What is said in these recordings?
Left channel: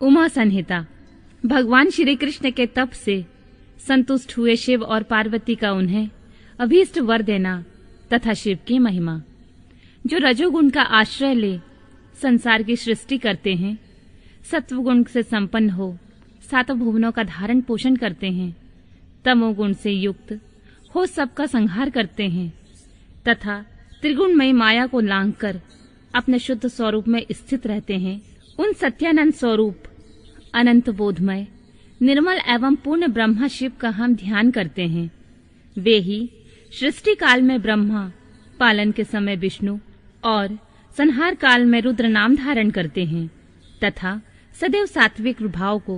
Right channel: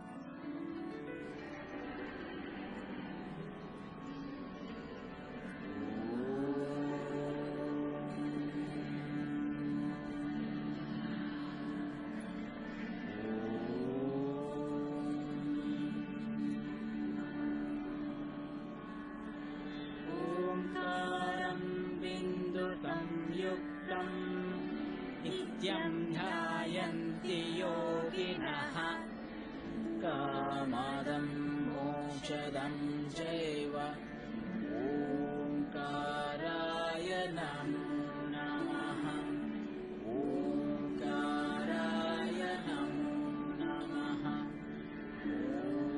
उमा संहिता। भगवान श्री कृष्ण के तप से संतुष्ट हुए शिव और पार्वती का उन्हें अभीष्ट वर देना तथा शिव की महिमा। जो रजोगुण का आश्रय ले संसार की सृष्टि करते हैं, सत्वगुण से संपन्न हो सातों भुवनों का धारण पोषण करते हैं, तमोगुण से युक्त हो सबका संहार करते हैं तथा त्रिगुणमयी माया को लांघकर अपने शुद्ध स्वरूप में स्थित रहते हैं, उन सत्यानंद स्वरूप अनंत बोधमय निर्मल एवं पूर्ण ब्रह्मा शिव का हम ध्यान करते हैं। वे ही सृष्टि काल में ब्रह्मा, पालन के समय विष्णु और संहार काल में रुद्र नाम धारण करते हैं तथा सदैव सात्विक भाव को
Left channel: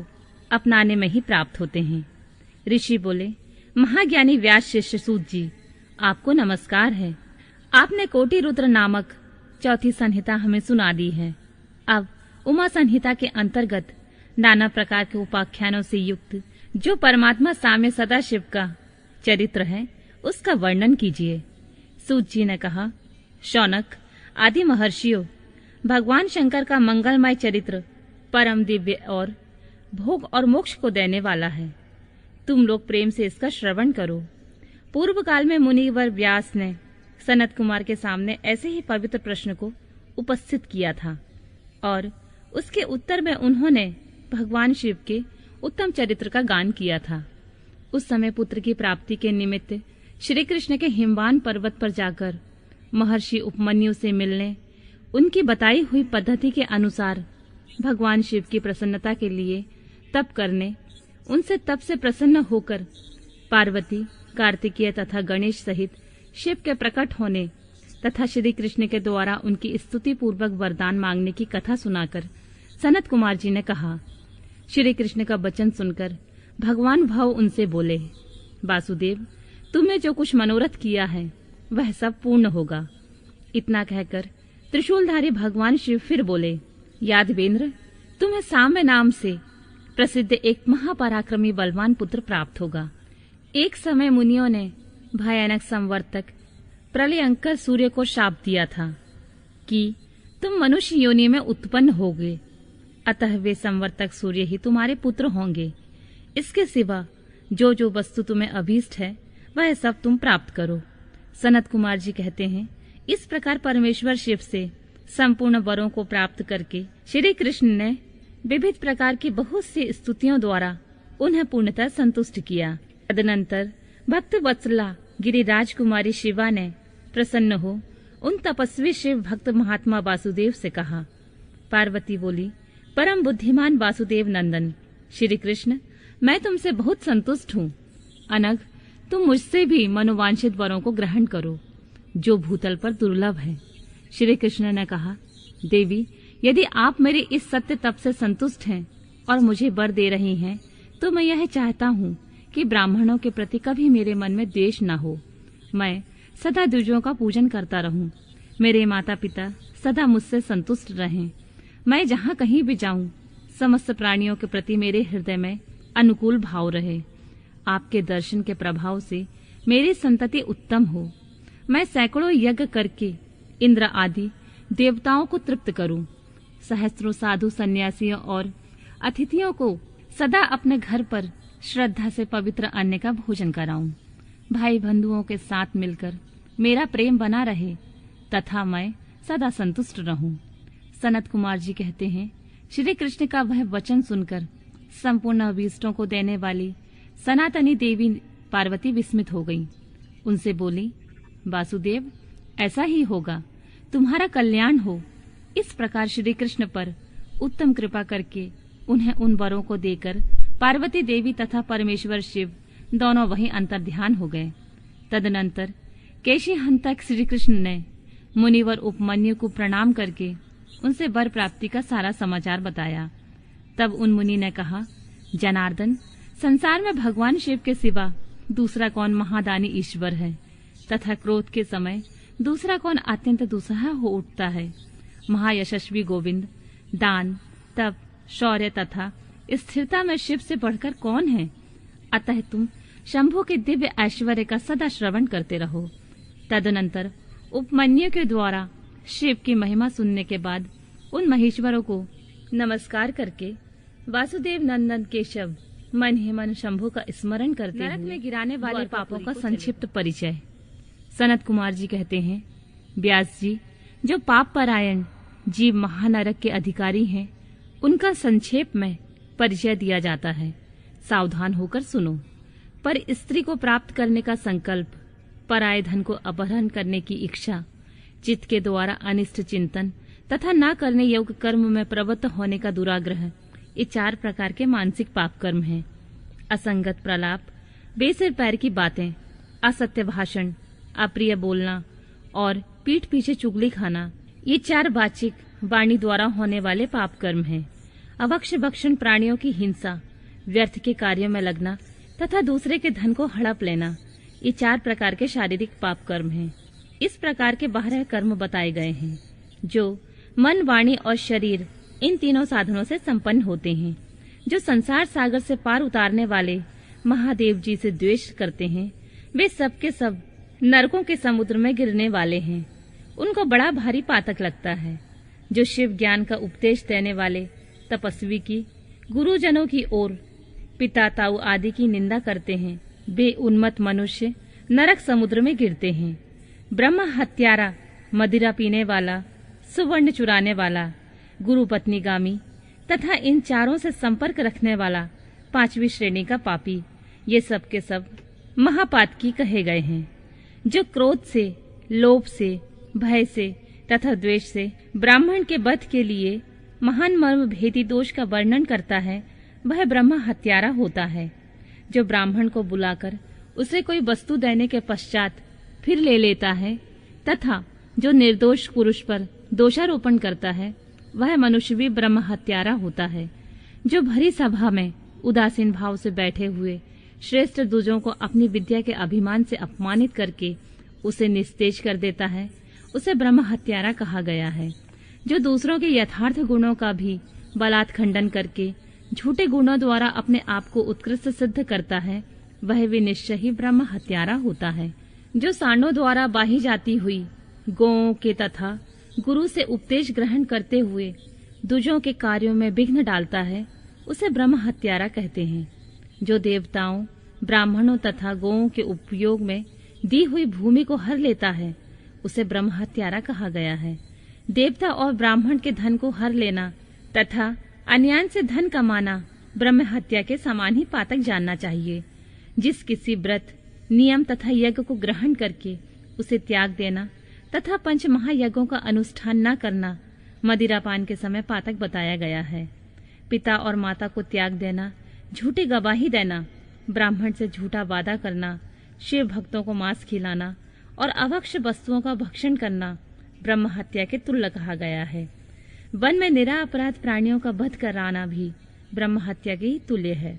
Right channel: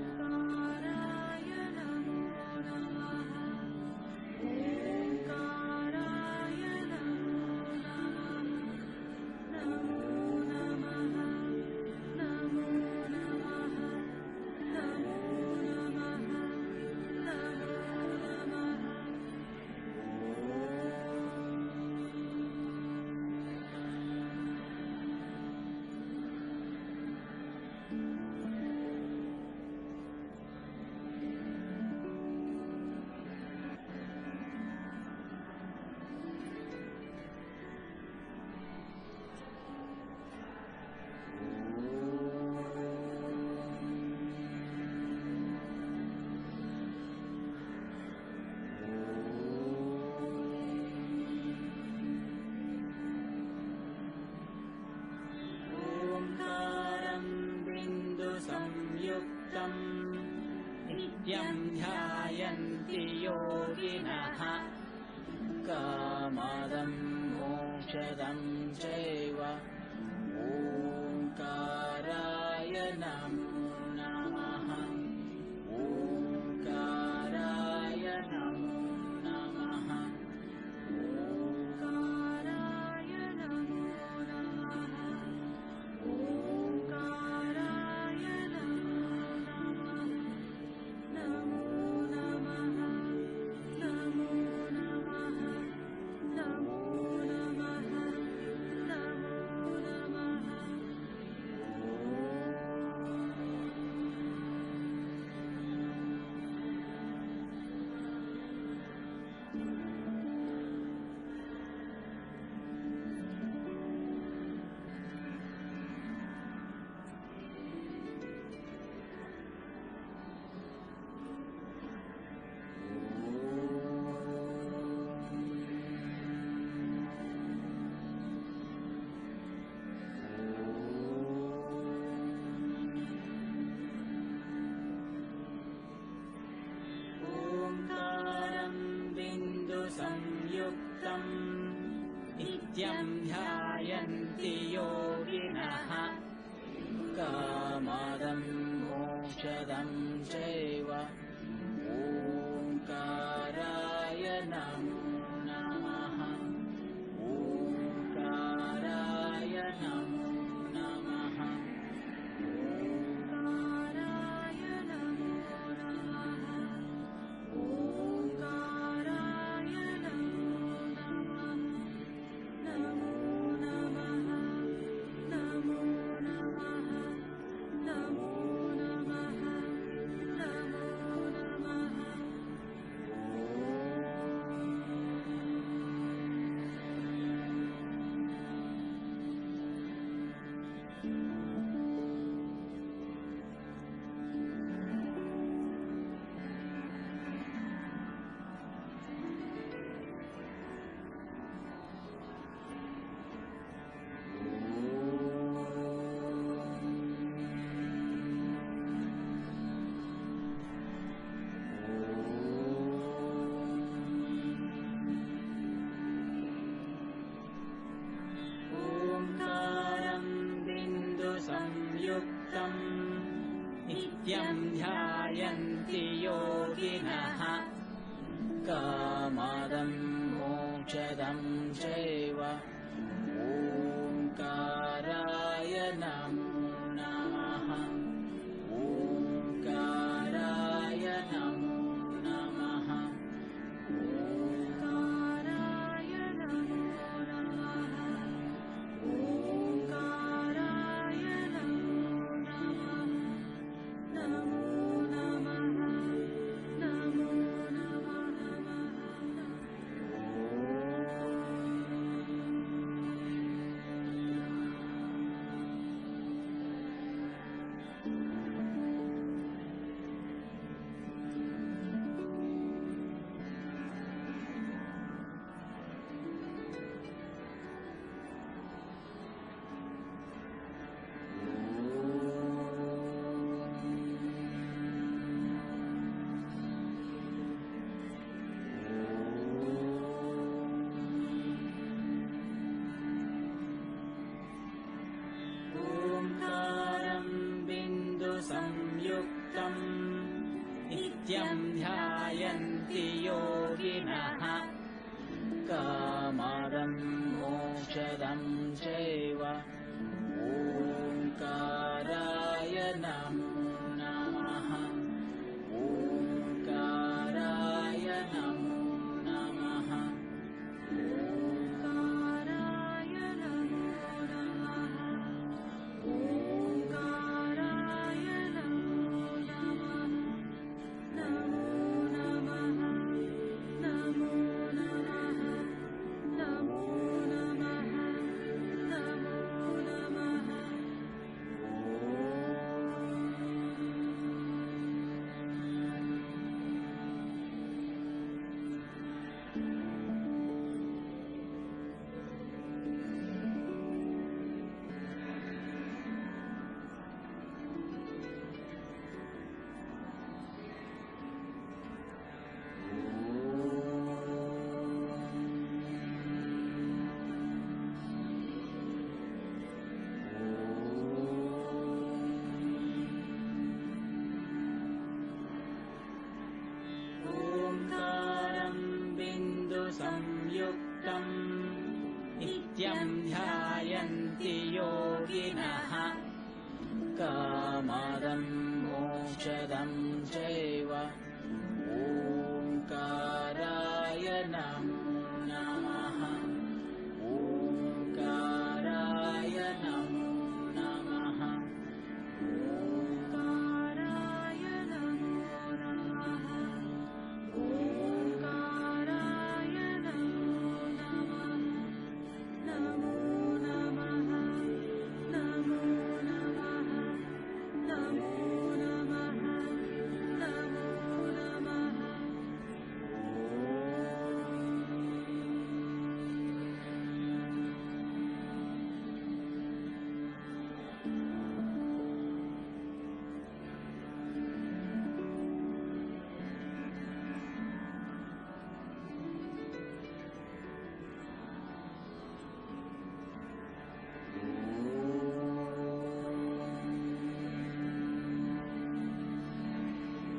अपनाने में ही प्राप्त होते हैं। ऋषि बोले, महाज्ञानी व्यास शिष्य सूत जी, आपको नमस्कार है। आपने कोटि रुद्र नामक चौथी संहिता हमें सुना दी है। अब उमा संहिता के अंतर्गत नाना प्रकार के उपाख्यानों से युक्त जो परमात्मा साम्य सदाशिव का चरित्र है, उसका वर्णन कीजिए। सूत जी ने कहा, शौनक आदि महर्षियों, भगवान शंकर का मंगलमय चरित्र परम दिव्य और भोग और मोक्ष को देने वाला है। तुम लोग प्रेम से इसका श्रवण करो। पूर्व काल में मुनिवर व्यास ने सनत कुमार के सामने ऐसे ही पवित्र प्रश्न को उपस्थित किया था और उसके उत्तर में उन्होंने भगवान शिव के उत्तम चरित्र का गान किया था। उस समय पुत्र की प्राप्ति के निमित्त श्री कृष्ण के हिमवान पर्वत पर जाकर महर्षि उपमन्यु से मिलने, उनकी बताई हुई पद्धति के अनुसार भगवान शिव की प्रसन्नता के लिए तप करने, उनसे तप से प्रसन्न होकर पार्वती, कार्तिकेय तथा गणेश सहित शिव के प्रकट होने तथा श्री कृष्ण के द्वारा उनकी स्तुति पूर्वक वरदान मांगने की कथा सुनाकर सनत कुमार जी ने कहा। श्री कृष्ण का वचन सुनकर भगवान भाव उनसे बोले, वासुदेव, तुमने जो कुछ मनोरथ किया है वह सब पूर्ण होगा। इतना कहकर त्रिशूलधारी भगवान शिव फिर बोले, यादवेंद्र, तुम्हें साम्य नाम से प्रसिद्ध एक महापराक्रमी बलवान पुत्र प्राप्त होगा। एक समय मुनियों ने भयानक संवर्तक प्रलयंकर सूर्य को शाप दिया था कि तुम मनुष्य योनि में उत्पन्न होगे, अतः वे संवर्तक सूर्य ही तुम्हारे पुत्र होंगे। इसके सिवा जो जो वस्तु तुम्हें अभीष्ट है वह सब तुम प्राप्त करो। सनत कुमार जी कहते हैं, इस प्रकार परमेश्वर शिव से संपूर्ण वरों को प्राप्त करके श्री कृष्ण ने विविध प्रकार की बहुत सी स्तुतियों द्वारा उन्हें पूर्णतः संतुष्ट किया। तदनंतर भक्त वत्सला गिरिराज कुमारी शिवा ने प्रसन्न हो उन तपस्वी शिव भक्त महात्मा वासुदेव से कहा। पार्वती बोली, परम बुद्धिमान वासुदेव नंदन श्री कृष्ण, मैं तुमसे बहुत संतुष्ट हूँ। अनग, तुम मुझसे भी मनोवांछित वरों को ग्रहण करो जो भूतल पर दुर्लभ है। श्री कृष्ण ने कहा, देवी, यदि आप मेरे इस सत्य तप से संतुष्ट हैं और मुझे वर दे रही हैं, तो मैं यह चाहता हूँ कि ब्राह्मणों के प्रति कभी मेरे मन में द्वेष न हो। मैं सदा द्विजों का पूजन करता रहूं। मेरे माता पिता सदा मुझसे संतुष्ट रहें। मैं जहाँ कहीं भी जाऊं, समस्त प्राणियों के प्रति मेरे हृदय में अनुकूल भाव रहे। आपके दर्शन के प्रभाव से मेरी संतति उत्तम हो। मैं सैकड़ों यज्ञ करके इंद्र आदि देवताओं को तृप्त करूं। सहस्त्रों साधु सन्यासियों और अतिथियों को सदा अपने घर पर श्रद्धा से पवित्र अन्न का भोजन कराऊं। भाई बंधुओं के साथ मिलकर मेरा प्रेम बना रहे तथा मैं सदा संतुष्ट रहूं। सनत कुमार जी कहते हैं, श्री कृष्ण का वह वचन सुनकर संपूर्ण अभीष्टों को देने वाली सनातनी देवी पार्वती विस्मित हो गई। उनसे बोली, वासुदेव, ऐसा ही होगा, तुम्हारा कल्याण हो। इस प्रकार श्री कृष्ण पर उत्तम कृपा करके उन्हें उन वरों को देकर पार्वती देवी तथा परमेश्वर शिव दोनों वहीं अंतर्ध्यान हो गए। तदनंतर केशी हंतक श्री कृष्ण ने मुनिवर उपमन्यु को प्रणाम करके उनसे वर प्राप्ति का सारा समाचार बताया। तब उन मुनि ने कहा, जनार्दन, संसार में भगवान शिव के सिवा दूसरा कौन महादानी ईश्वर है तथा क्रोध के समय दूसरा कौन अत्यंत दुस्सह हो उठता है। महायशस्वी गोविंद दान, तप, शौर्य तथा स्थिरता में शिव से बढ़कर कौन है। अतः तुम शंभु के दिव्य ऐश्वर्य का सदा श्रवण करते रहो। तदनंतर उपमन्यु के द्वारा शिव की महिमा सुनने के बाद उन महेश्वरों को नमस्कार करके वासुदेव नंदन केशव मन ही मन शंभु का स्मरण करते हुए में गिराने वाले पापों का संक्षिप्त परिचय। सनत कुमार जी कहते हैं, व्यास जी, जो पाप परायण जीव महानरक के अधिकारी हैं, उनका संक्षेप में परिचय दिया जाता है। सावधान होकर सुनो। पर स्त्री को प्राप्त करने का संकल्प, पराये धन को अपहरण करने की इच्छा, चित्त के द्वारा अनिष्ट चिंतन तथा न करने योग्य कर्म में प्रवृत्त होने का दुराग्रह, ये 4 प्रकार के मानसिक पाप कर्म हैं। असंगत प्रलाप, बेसिर पैर की बातें, असत्य भाषण, अप्रिय बोलना और पीठ पीछे चुगली खाना, ये 4 वाचिक वाणी द्वारा होने वाले पाप कर्म हैं। अभक्ष भक्षण, प्राणियों की हिंसा, व्यर्थ के कार्यों में लगना तथा दूसरे के धन को हड़प लेना, ये 4 प्रकार के शारीरिक पाप कर्म हैं। इस प्रकार के 12 कर्म बताए गए हैं, जो मन, वाणी और शरीर, इन तीनों साधनों से संपन्न होते हैं। जो संसार सागर से पार उतारने वाले महादेव जी से द्वेष करते हैं, वे सब के सब नरकों के समुद्र में गिरने वाले हैं। उनको बड़ा भारी पातक लगता है। जो शिव ज्ञान का उपदेश देने वाले तपस्वी की, गुरुजनों की ओर पिता ताऊ आदि की निंदा करते हैं, वे उन्मत्त मनुष्य नरक समुद्र में गिरते हैं। ब्रह्म हत्यारा, मदिरा पीने वाला, सुवर्ण चुराने वाला, गुरु पत्नीगामी तथा इन 4 से संपर्क रखने वाला 5वीं श्रेणी का पापी, ये सब के सब महापातकी कहे गए हैं। जो क्रोध से, लोभ से, भय से तथा द्वेष से ब्राह्मण के वध के लिए महान मर्म भेदी दोष का वर्णन करता है, वह ब्रह्म हत्यारा होता है। जो ब्राह्मण को बुलाकर उसे कोई वस्तु देने के पश्चात फिर ले लेता है तथा जो निर्दोष पुरुष पर दोषारोपण करता है, वह मनुष्य भी ब्रह्म हत्यारा होता है। जो भरी सभा में उदासीन भाव से बैठे हुए श्रेष्ठ द्विजों को अपनी विद्या के अभिमान से अपमानित करके उसे निस्तेज कर देता है, उसे ब्रह्म हत्यारा कहा गया है। जो दूसरों के यथार्थ गुणों का भी बलात् खंडन करके झूठे गुणों द्वारा अपने आप को उत्कृष्ट सिद्ध करता है, वह भी निश्चय ही ब्रह्म हत्यारा होता है। जो सांडों द्वारा बाही जाती हुई गौओं के तथा गुरु से उपदेश ग्रहण करते हुए द्विजों के कार्यों में विघ्न डालता है, उसे ब्रह्म हत्यारा कहते हैं। जो देवताओं, ब्राह्मणों तथा गौओं के उपयोग में दी हुई भूमि को हर लेता है, उसे ब्रह्म हत्यारा कहा गया है। देवता और ब्राह्मण के धन को हर लेना तथा अन्याय से धन कमाना ब्रह्म हत्या के समान ही पातक जानना चाहिए। जिस किसी व्रत, नियम तथा यज्ञ को ग्रहण करके उसे त्याग देना तथा 5 महायज्ञों का अनुष्ठान न करना मदिरापान के समय पातक बताया गया है। पिता और माता को त्याग देना, झूठी गवाही देना, ब्राह्मण से झूठा वादा करना, शिव भक्तों को मांस खिलाना और अभक्ष वस्तुओं का भक्षण करना ब्रह्म हत्या के तुल्य कहा गया है। वन में निरापराध प्राणियों का वध कराना भी ब्रह्म हत्या के ही तुल्य है।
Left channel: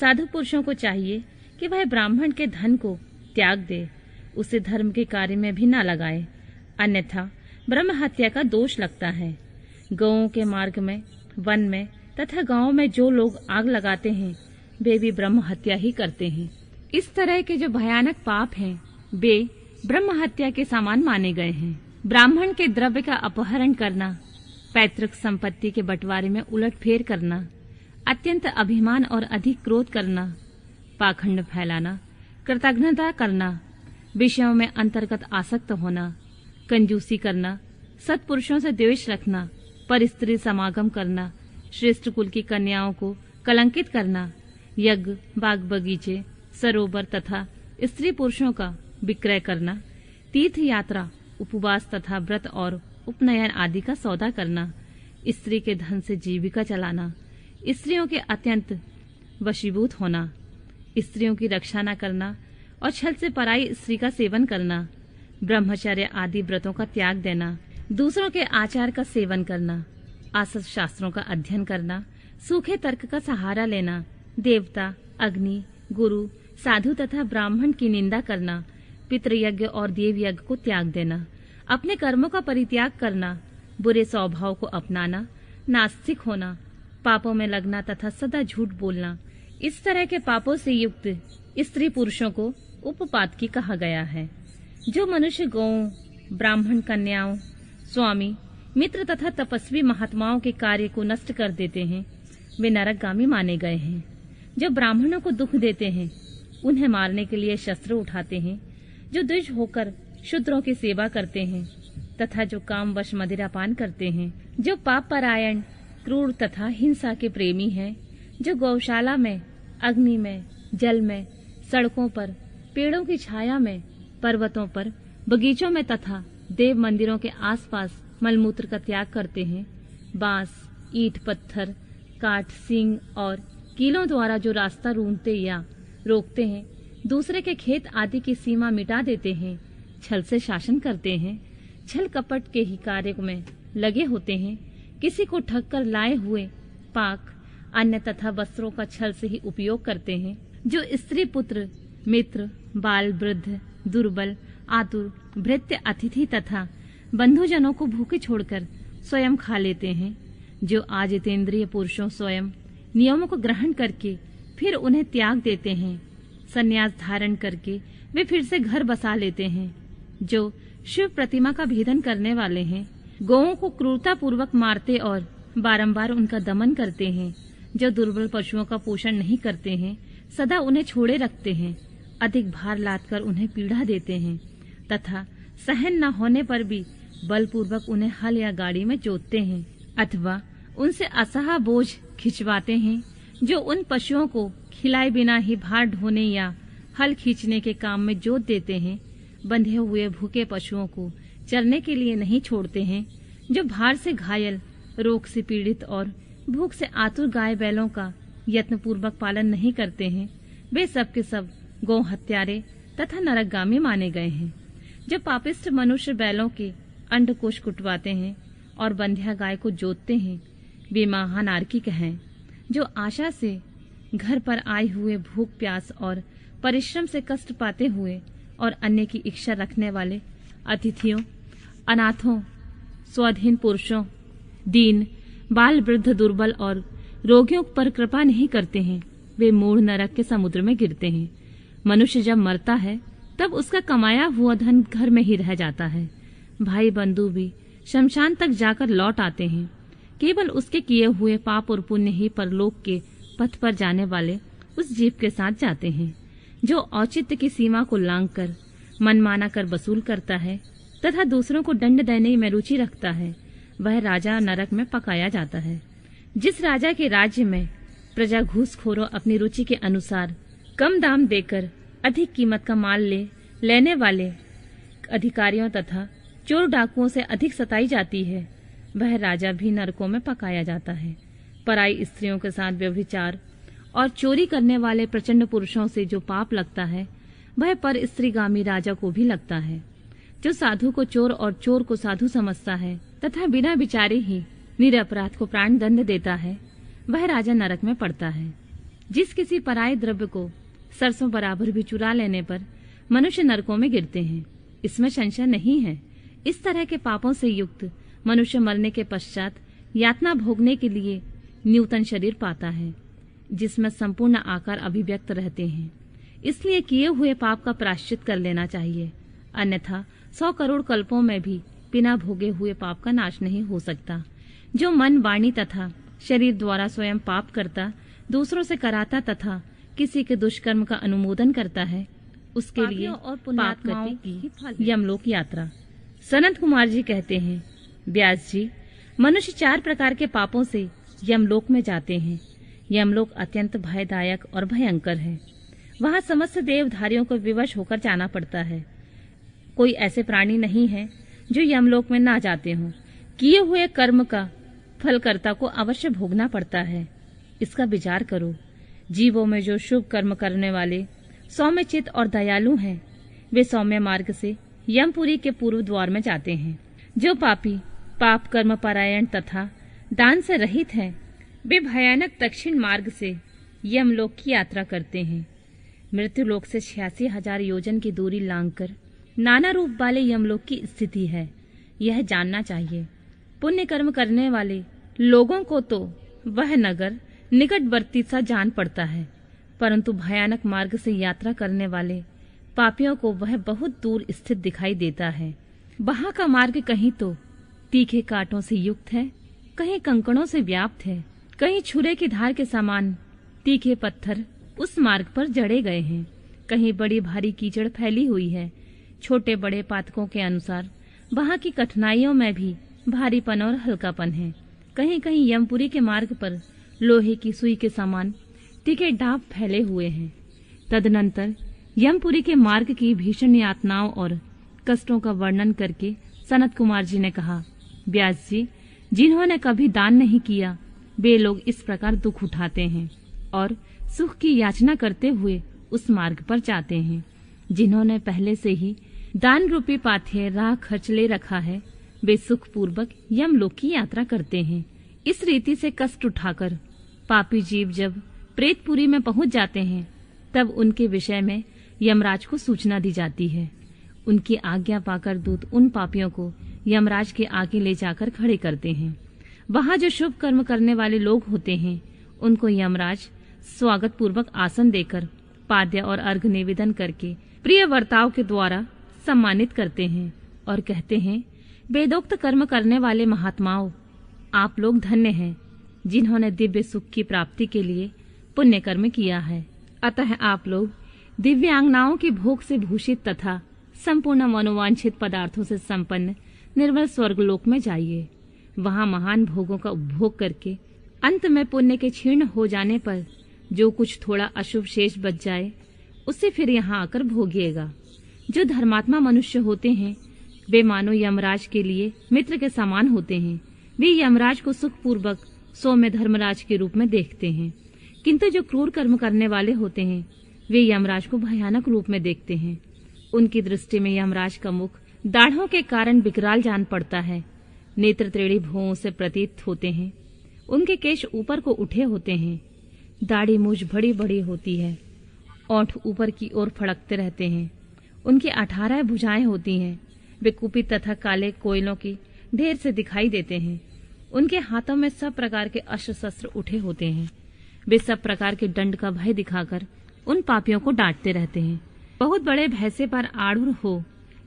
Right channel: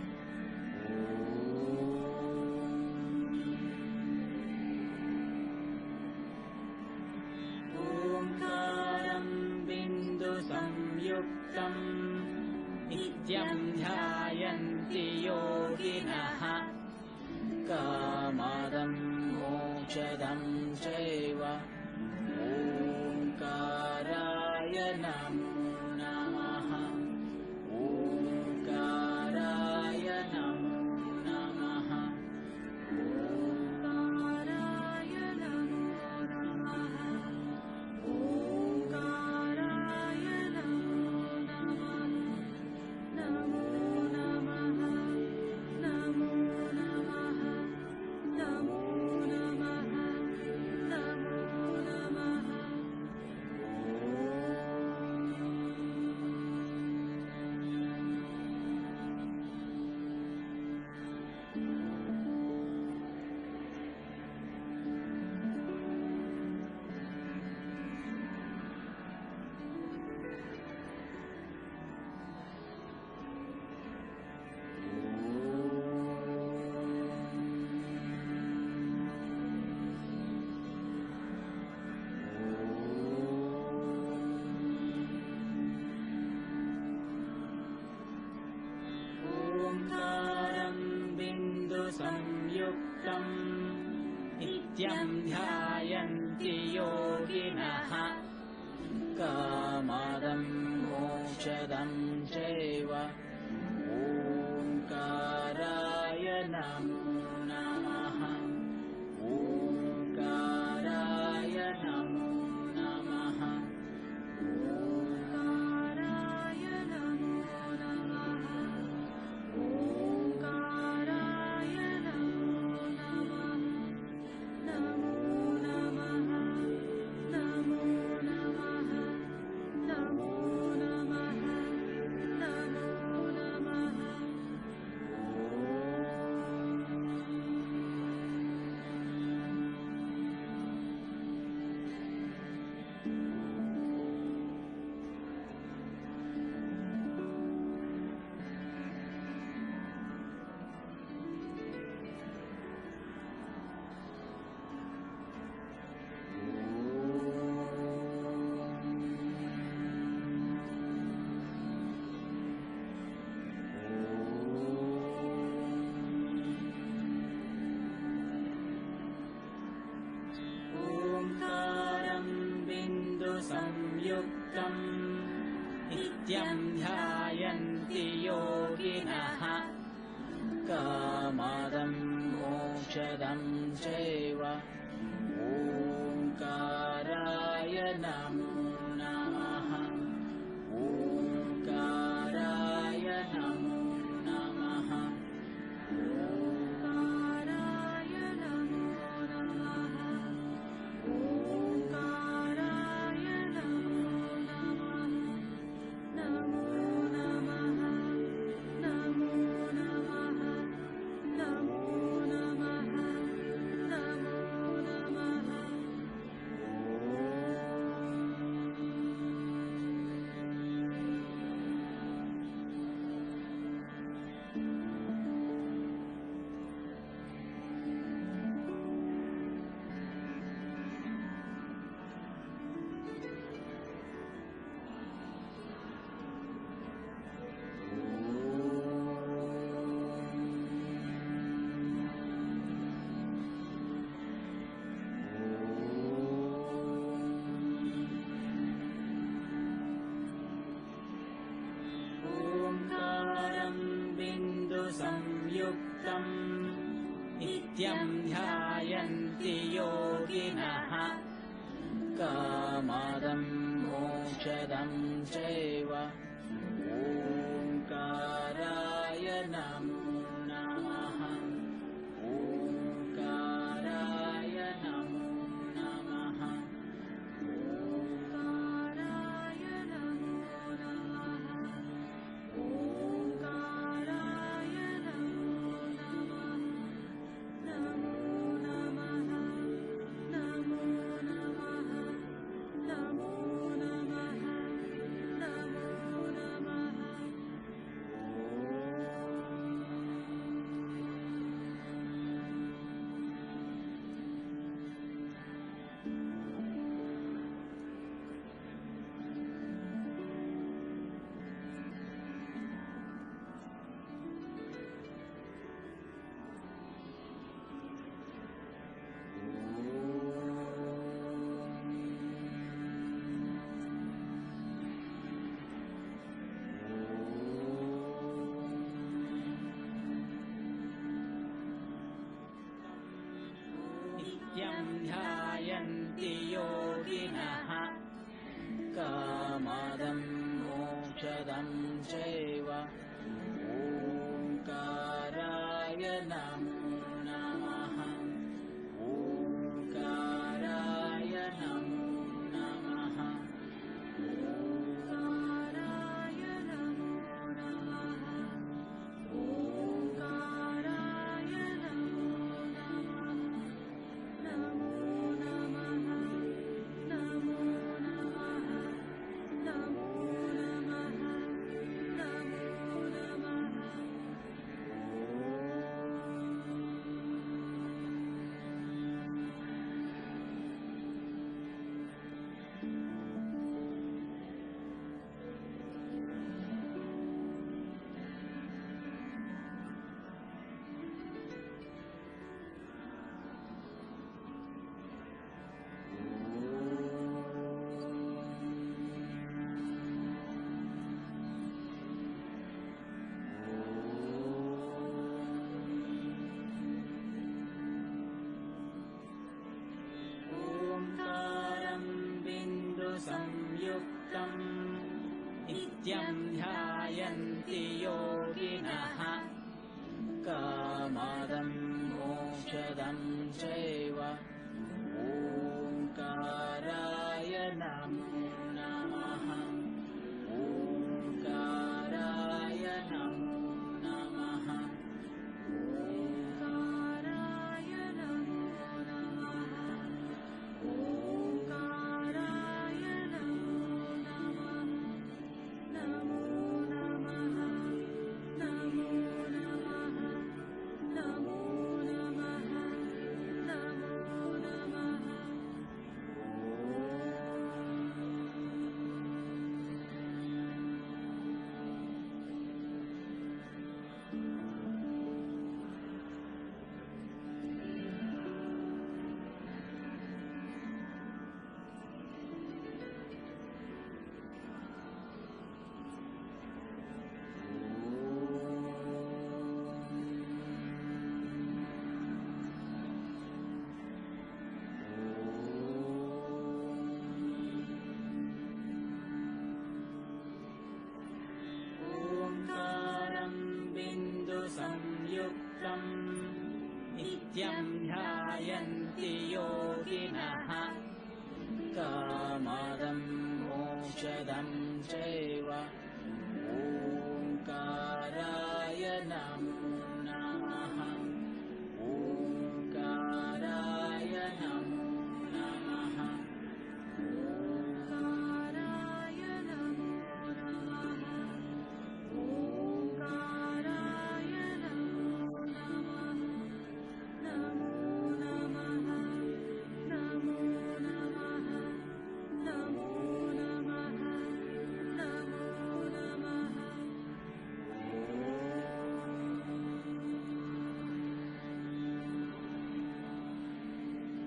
साधु पुरुषों को चाहिए कि वह ब्राह्मण के धन को त्याग दे, उसे धर्म के कार्य में भी न लगाए, अन्यथा ब्रह्म हत्या का दोष लगता है। गौओं के मार्ग में, वन में तथा गांव में जो लोग आग लगाते हैं, वे भी ब्रह्म हत्या ही करते हैं। इस तरह के जो भयानक पाप हैं, वे ब्रह्म हत्या के समान माने गए हैं। ब्राह्मण के द्रव्य का अपहरण करना, पैतृक संपत्ति के बंटवारे में उलटफेर करना, अत्यंत अभिमान और अधिक क्रोध करना, पाखंड फैलाना, कृतज्ञता करना, विषयों में अंतर्गत आसक्त होना, कंजूसी करना, सत्पुरुषों से द्वेष रखना, पर स्त्री समागम करना, श्रेष्ठ कुल की कन्याओं को कलंकित करना, यज्ञ, बाग बगीचे, सरोवर तथा स्त्री पुरुषों का विक्रय करना, तीर्थ यात्रा, उपवास तथा व्रत और उपनयन आदि का सौदा करना, स्त्री के धन से जीविका चलाना, स्त्रियों के अत्यंत वशीभूत होना, स्त्रियों की रक्षा न करना और छल से पराई स्त्री का सेवन करना, ब्रह्मचर्य आदि व्रतों का त्याग देना, दूसरों के आचार का सेवन करना, आसत शास्त्रों का अध्ययन करना, सूखे तर्क का सहारा लेना, देवता, अग्नि, गुरु, साधु तथा ब्राह्मण की निंदा करना, पितृयज्ञ और देव यज्ञ को त्याग देना, अपने कर्मों का परित्याग करना, बुरे स्वभाव को अपनाना, नास्तिक होना, पापों में लगना तथा सदा झूठ बोलना, इस तरह के पापों से युक्त स्त्री पुरुषों को उपपातकी कहा गया है। जो मनुष्य गौओं, ब्राह्मण कन्याओं, स्वामी मित्र तथा तपस्वी महात्माओं के कार्य को नष्ट कर देते हैं, वे नरकगामी माने गए हैं। जो ब्राह्मणों को दुख देते हैं, उन्हें मारने के लिए शस्त्र उठाते हैं। जो द्विज होकर शूद्रों की सेवा करते हैं तथा जो कामवश मदिरापान करते हैं, जो पाप परायण, क्रूर तथा हिंसा के प्रेमी हैं, जो गौशाला में, अग्नि में, जल में, सड़कों पर, पेड़ों की छाया में, पर्वतों पर, बगीचों में तथा देव मंदिरों के आसपास मलमूत्र का त्याग करते हैं, बांस, ईंट, पत्थर, काट, सींग और कीलों द्वारा जो रास्ता रूंधते या रोकते हैं, दूसरे के खेत आदि की सीमा मिटा देते हैं, छल से शासन करते हैं, छल कपट के ही कार्य में लगे होते हैं, किसी को ठग कर लाए हुए पाक, अन्न तथा वस्त्रों का छल से ही उपयोग करते हैं, जो स्त्री, पुत्र, मित्र, बाल, वृद्ध, दुर्बल, आतुर, भृत्य, अतिथि तथा बंधुजनों को भूखे छोड़कर स्वयं खा लेते हैं, जो आजितेंद्रिय पुरुषों स्वयं नियमों को ग्रहण करके फिर उन्हें त्याग देते हैं, संन्यास धारण करके वे फिर से घर बसा लेते हैं, जो शिव प्रतिमा का भेदन करने वाले हैं, गौओं को क्रूरता पूर्वक मारते और बारंबार उनका दमन करते हैं, जो दुर्बल पशुओं का पोषण नहीं करते हैं, सदा उन्हें छोड़े रखते हैं, अधिक भार लादकर उन्हें पीड़ा देते हैं तथा सहन न होने पर भी बलपूर्वक उन्हें हल या गाड़ी में जोतते हैं अथवा उनसे असहा बोझ खिंचवाते हैं, जो उन पशुओं को खिलाए बिना ही भार ढोने या हल खींचने के काम में जोत देते हैं, बंधे हुए भूखे पशुओं को चरने के लिए नहीं छोड़ते हैं, जो भार से घायल, रोग से पीड़ित और भूख से आतुर गाय बैलों का यत्न पूर्वक पालन नहीं करते हैं, वे सब के सब गौ हत्यारे तथा नरकगामी माने गए हैं। जो पापिष्ट मनुष्य बैलों के अंडकोश कुटवाते हैं और बंध्या गाय को जोतते हैं, वे महानार्किक हैं, जो आशा से घर पर आए हुए भूख, प्यास और परिश्रम से कष्ट पाते हुए और अन्य की इच्छा रखने वाले अतिथियों, अनाथों, स्वाधीन पुरुषों, दीन, बाल, वृद्ध, दुर्बल और रोगियों पर कृपा नहीं करते हैं, वे मूढ़ नरक के समुद्र में गिरते हैं। मनुष्य जब मरता है तब उसका कमाया हुआ धन घर में ही रह जाता है। भाई बंधु भी शमशान तक जाकर लौट आते हैं, केवल उसके किए हुए पाप और पुण्य ही परलोक के पथ पर जाने वाले उस जीव के साथ जाते हैं। जो औचित्य की सीमा को लांघकर मनमाना कर वसूल करता है तथा दूसरों को दंड देने में रुचि रखता है, वह राजा नरक में पकाया जाता है। जिस राजा के राज्य में प्रजा घूसखोरों अपनी रुचि के अनुसार कम दाम देकर अधिक कीमत का माल लेने वाले अधिकारियों तथा चोर डाकुओं से अधिक सताई जाती है, वह राजा भी नरकों में पकाया जाता है। पराई स्त्रियों के साथ व्यभिचार और चोरी करने वाले प्रचंड पुरुषों से जो पाप लगता है, वह पर स्त्रीगामी राजा को भी लगता है। जो साधु को चोर और चोर को साधु समझता है तथा बिना विचारे ही निरपराध को प्राण दंड देता है, वह राजा नरक में पड़ता है। जिस किसी पराये द्रव्य को सरसों बराबर भी चुरा लेने पर मनुष्य नरकों में गिरते हैं, इसमें संशय नहीं है। इस तरह के पापों से युक्त मनुष्य मरने के पश्चात यातना भोगने के लिए न्यूतन शरीर पाता है, जिसमें संपूर्ण आकार अभिव्यक्त रहते हैं। इसलिए किए हुए पाप का प्रायश्चित कर लेना चाहिए, अन्यथा 100 करोड़ कल्पों में भी बिना भोगे हुए पाप का नाश नहीं हो सकता। जो मन, वाणी तथा शरीर द्वारा स्वयं पाप करता, दूसरों से कराता तथा किसी के दुष्कर्म का अनुमोदन करता है, उसके लिए और पाप करने की यमलोक यात्रा। सनत कुमार जी कहते हैं, व्यास जी, मनुष्य 4 प्रकार के पापों से यमलोक में जाते हैं। यमलोक अत्यंत भयदायक और भयंकर है। वहाँ समस्त देवधारियों को विवश होकर जाना पड़ता है। कोई ऐसे प्राणी नहीं है जो यमलोक में ना जाते हों। किए हुए कर्म का फल कर्ता को अवश्य भोगना पड़ता है। इसका विचार करो। जीवों में जो शुभ कर्म करने वाले सौम्य चित्त और दयालु हैं, वे सौम्य मार्ग से यमपुरी के पूर्व द्वार में जाते हैं। जो पापी, पाप कर्म परायण तथा दान से रहित हैं, वे भयानक दक्षिण मार्ग से यमलोक की यात्रा करते हैं। मृत्यु लोक से 86,000 योजन की दूरी लांघकर नाना रूप वाले यमलोक की स्थिति है, यह जानना चाहिए। पुण्य कर्म करने वाले लोगों को तो वह नगर निकटवर्ती सा जान पड़ता है, परंतु भयानक मार्ग से यात्रा करने वाले पापियों को वह बहुत दूर स्थित दिखाई देता है। वहाँ का मार्ग कहीं तो तीखे कांटों से युक्त है, कहीं कंकड़ों से व्याप्त है, कहीं छुरे की धार के समान तीखे पत्थर उस मार्ग पर जड़े गए हैं, कहीं बड़ी भारी कीचड़ फैली हुई है। छोटे बड़े पातकों के अनुसार वहाँ की कठिनाइयों में भी भारीपन और हल्कापन है। कहीं कहीं यमपुरी के मार्ग पर लोहे की सुई के समान तीखे डाब फैले हुए हैं। तदनंतर यमपुरी के मार्ग की भीषण यातनाओं और कष्टों का वर्णन करके सनत कुमार जी ने कहा, व्यास जी, जिन्होंने कभी दान नहीं किया वे लोग इस प्रकार दुख उठाते हैं और सुख की याचना करते हुए उस मार्ग पर जाते हैं। जिन्होंने पहले से ही दान रूपी पाथेय राह खर्च ले रखा है वे सुख पूर्वक यमलोक की यात्रा करते हैं। इस रीति से कष्ट उठाकर पापी जीव जब प्रेतपुरी में पहुंच जाते हैं तब उनके विषय में यमराज को सूचना दी जाती है। उनकी आज्ञा पाकर दूत उन पापियों को यमराज के आगे ले जाकर खड़े करते हैं। वहाँ जो शुभ कर्म करने वाले लोग होते हैं उनको यमराज स्वागत पूर्वक आसन देकर पाद्य और अर्घ निवेदन करके प्रिय वर्ताव के द्वारा सम्मानित करते हैं और कहते हैं, वेदोक्त कर्म करने वाले महात्माओं, आप लोग धन्य हैं जिन्होंने दिव्य सुख की प्राप्ति के लिए पुण्य कर्म किया है। अतः आप लोग दिव्यांगनाओं की भोग से भूषित तथा संपूर्ण मनोवांछित पदार्थों से संपन्न निर्मल स्वर्गलोक में जाइए। वहाँ महान भोगों का उपभोग करके अंत में पुण्य के क्षीण हो जाने पर जो कुछ थोड़ा अशुभ शेष बच जाए उसे फिर यहाँ आकर भोगिएगा। जो धर्मात्मा मनुष्य होते हैं वे मानो यमराज के लिए मित्र के समान होते हैं। वे यमराज को सुख पूर्वक सौम्य धर्मराज के रूप में देखते हैं, किंतु जो क्रूर कर्म करने वाले होते हैं वे यमराज को भयानक रूप में देखते हैं। उनकी दृष्टि में यमराज का मुख दाढ़ों के कारण विकराल जान पड़ता है। नेत्र त्रेड़ी भुवों से प्रतीत होते हैं। उनके केश ऊपर को उठे होते हैं। दाढ़ी मूछ बड़ी बड़ी होती है। ओंठ ऊपर की ओर फड़कते रहते हैं। उनकी 18 भुजाएं होती हैं। वे कुपित तथा काले कोयलों की ढेर से दिखाई देते हैं। उनके हाथों में सब प्रकार के अस्त्र शस्त्र उठे होते हैं। वे सब प्रकार के दंड का भय दिखाकर उन पापियों को डांटते रहते हैं। बहुत बड़े भैंसे पर आरूढ़ हो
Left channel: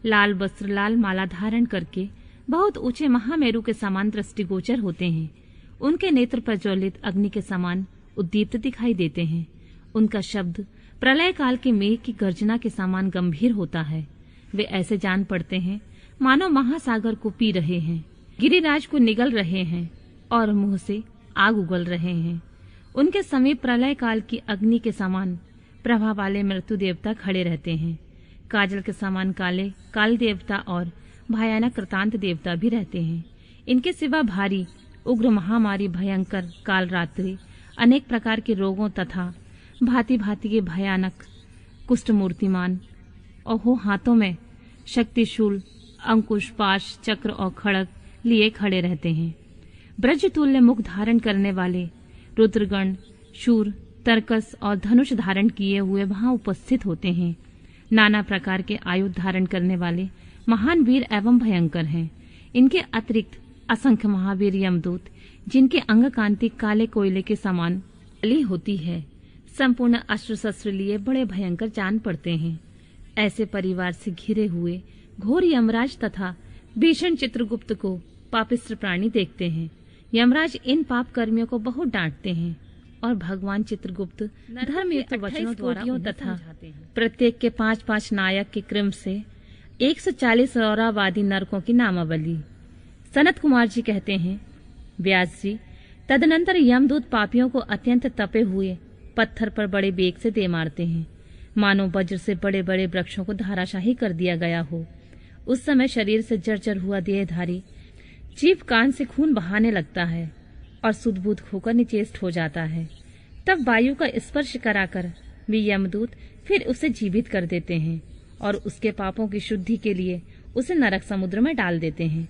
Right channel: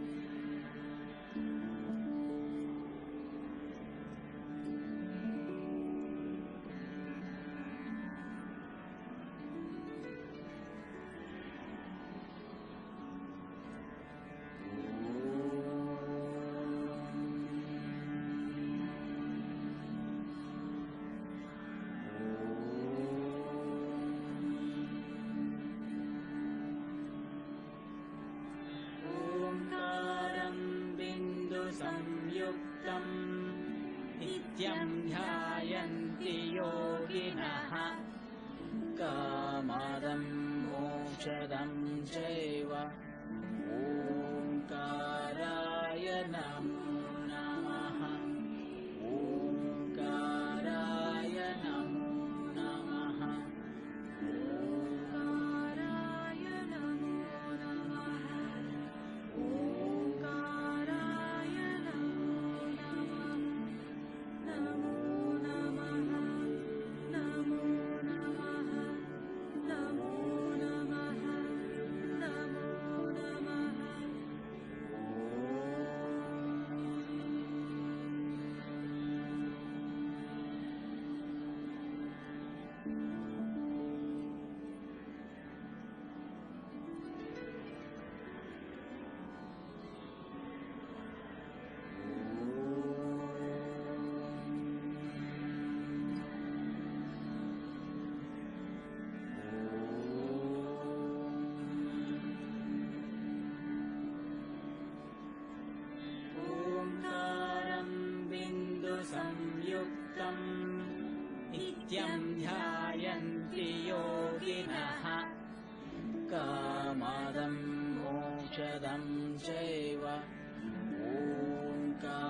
लाल वस्त्र लाल माला धारण करके बहुत ऊंचे महामेरु के समान दृष्टिगोचर होते हैं। उनके नेत्र प्रज्वलित अग्नि के समान उद्दीप्त दिखाई देते हैं। उनका शब्द प्रलय काल के मेघ की गर्जना के समान गंभीर होता है। वे ऐसे जान पड़ते हैं मानो महासागर को पी रहे हैं, गिरिराज को निगल रहे हैं और मुंह से आग उगल रहे हैं। उनके समीप प्रलय काल की अग्नि के समान प्रभा वाले मृत्यु देवता खड़े रहते हैं। काजल के समान काले काल देवता और भयानक कृतांत देवता भी रहते हैं। इनके सिवा भारी उग्र महामारी भयंकर काल रात्रि अनेक प्रकार के रोगों तथा भांति भांति के भयानक कुष्ठ मूर्तिमान और हो हाथों में शक्तिशूल अंकुश पाश चक्र और खड़ग लिए खड़े रहते हैं। ब्रज तुल्य मुख धारण करने वाले रुद्रगण शूर तरकस और धनुष धारण किए हुए वहां उपस्थित होते हैं। नाना प्रकार के आयुध धारण करने वाले महान वीर एवं भयंकर हैं। इनके अतिरिक्त असंख्य महावीर यमदूत जिनके अंग कांति काले कोयले के समान काली होती है, संपूर्ण अस्त्र शस्त्र लिए बड़े भयंकर जान पड़ते हैं। ऐसे परिवार से घिरे हुए घोर यमराज तथा भीषण चित्रगुप्त को पापिष्ट प्राणी देखते हैं। यमराज इन पाप कर्मियों को बहुत डांटते हैं और भगवान चित्रगुप्त धर्मयुक्त वचनों द्वारा तथा प्रत्येक के 5-5 नायक के क्रम से 140 रौरावादी नरकों की नामावली। सनत कुमार जी कहते हैं, व्यास जी, तदनंतर यमदूत पापियों को अत्यंत तपे हुए पत्थर पर बड़े बेग से दे मारते हैं, मानो वज्र से बड़े बड़े वृक्षों को धाराशाही कर दिया गया हो। उस समय शरीर से जर्जर हुआ देहधारी जीभ कान से खून बहाने लगता है और सुदबुद होकर निचेष्ट हो जाता है। तब वायु का स्पर्श कराकर वे यमदूत फिर उसे जीवित कर देते हैं और उसके पापों की शुद्धि के लिए उसे नरक समुद्र में डाल देते हैं।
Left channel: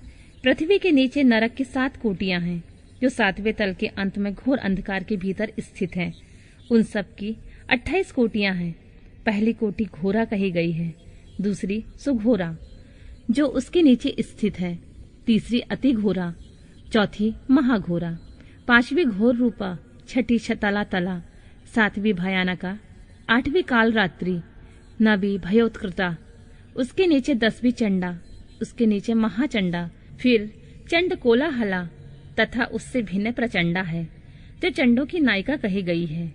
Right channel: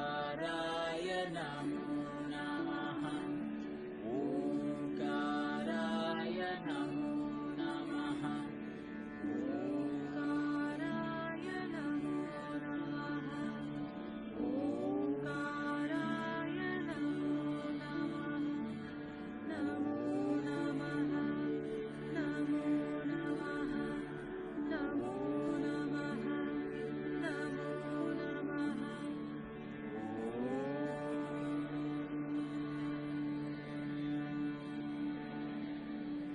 पृथ्वी के नीचे नरक की 7 कोटियां हैं, जो 7वें तल के अंत में घोर अंधकार के भीतर स्थित हैं। उन सब की 28 कोटियां हैं। पहली कोटि घोरा कही गई है, दूसरी सुघोरा जो उसके नीचे स्थित है, तीसरी अति घोरा, चौथी महाघोरा, 5वीं घोर रूपा, 6ठी छतला तला, 7वीं भयानका, 8वीं काल रात्रि, 9वीं भयोत्कृता, उसके नीचे 10वीं चंडा, उसके नीचे महाचंडा, फिर चंड कोलाहला तथा उससे भिन्न प्रचंडा है, जो चंडों की नायिका कही गई है।